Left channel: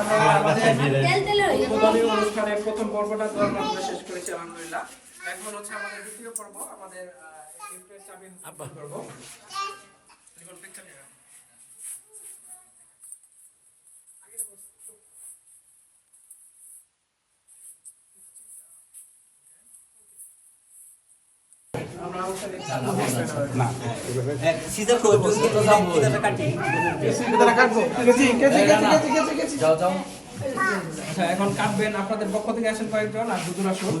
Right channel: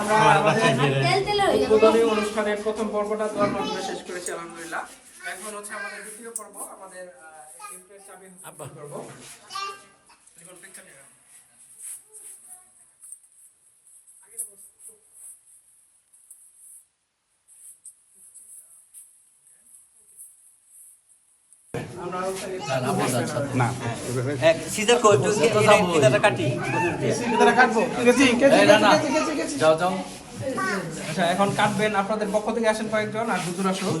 আমরা আমাদের উদ্বোধনী অনুষ্ঠানের প্রথম পর্বটা দোয়ার মাধ্যমে শেষ করেছি আলহামদুলিল্লাহ। এখন হচ্ছে আমাদের দ্বিতীয় পর্ব, আমাদের গিফটের চাবি করব। আচ্ছা, এখন কাটবেন। আপনাদের পক্ষ থেকে আসেন কয়েকজন, আর হুজুর আসুন।